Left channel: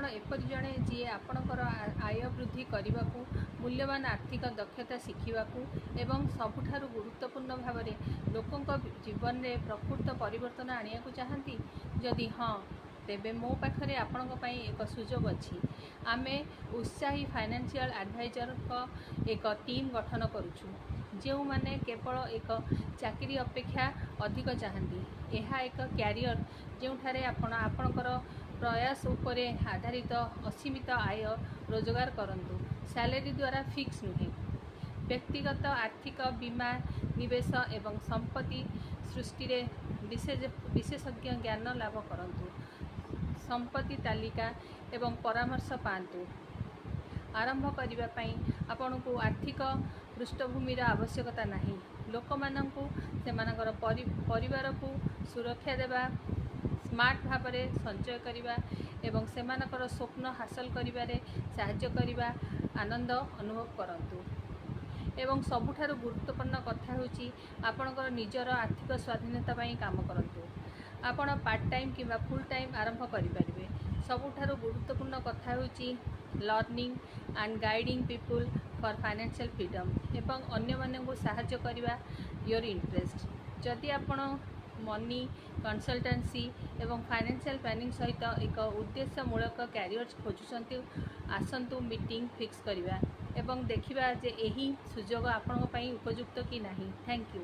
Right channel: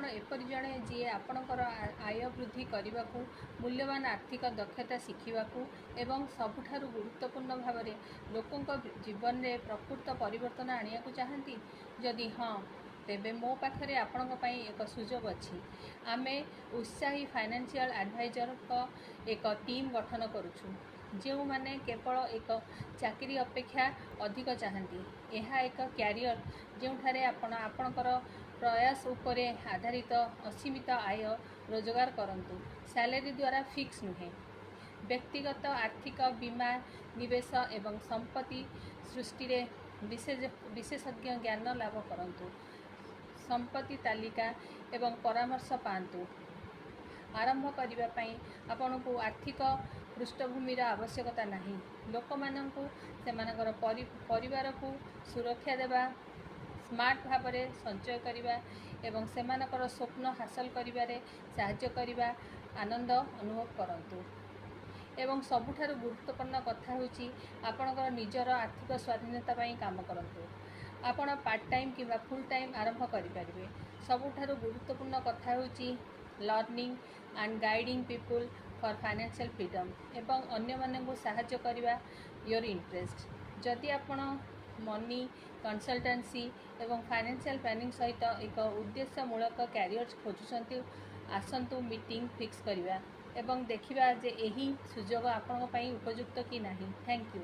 आपण एपरि जड़े जी आपणकर आय वृद्धि करने को मूल्यवान आर्थिक दक्षता शिखा एवं सबुठारु गुरुत्वपूर्ण भाव में लोकों जीवन में प्रकृत परिवर्तन आनिया को चाहती जदि हाँ तेबे मो पाखरे आपणक पई एक सुजोग अछि। आमे उत्साही फाइनेंशियल एडवाइजर का एक टीम गठन करुछु जो माने केवल एक चाकरी अपेक्षा अधिक चाहती। यह एक क्यारियर जोठारे आपणकर प्रयास उपरे आधारित असीमित आय रोजगार करंतु। सैलरी द्वारा फिक्स नुहे। व्यक्तिगत आर्थिक बीमा निवेश एवं संपत्ति सृष्टि रे विशेषज्ञ ज्ञान लाभ करंतु। संपत्ति तालिका एवं परामर्श पांतु। आरंभ करने पाई आपन को आर्थिक पृष्ठभूमि आवश्यकता नहीं। लोक माननकु सेमानकर परिवार को सुरक्षा देवा स्मार्ट भाव में संचय करने एवं सेमानकर स्वप्न हासिल करिबारे साहाय्य करने आनंद अनुभव करंतु। एवं सबुठारु गुरुत्वपूर्ण कथा होची आपणकर निजर आर्थिक स्वाधीनता पाई काम करंतु। आपण पार्ट टाइम किंवा फुल टाइम आरंभ करिपारिबे। सबुठारु गुरुत्वपूर्ण कथा होची learning and guiding people for financial freedom एवं अन्य माने को सहाय्य करबा योर इंटरेस्ट। जदि आपण मनी कंसल्टेंसी एवं फाइनेंशियल प्लानिंग सहित एक उद्देश्यमूलक कैरियर खोजुचंती आसंतु मीटिंग फिक्स करवा एवं देखिबा जे एही सुजोग आपण पई उपयुक्त कि नहीं। Thank you.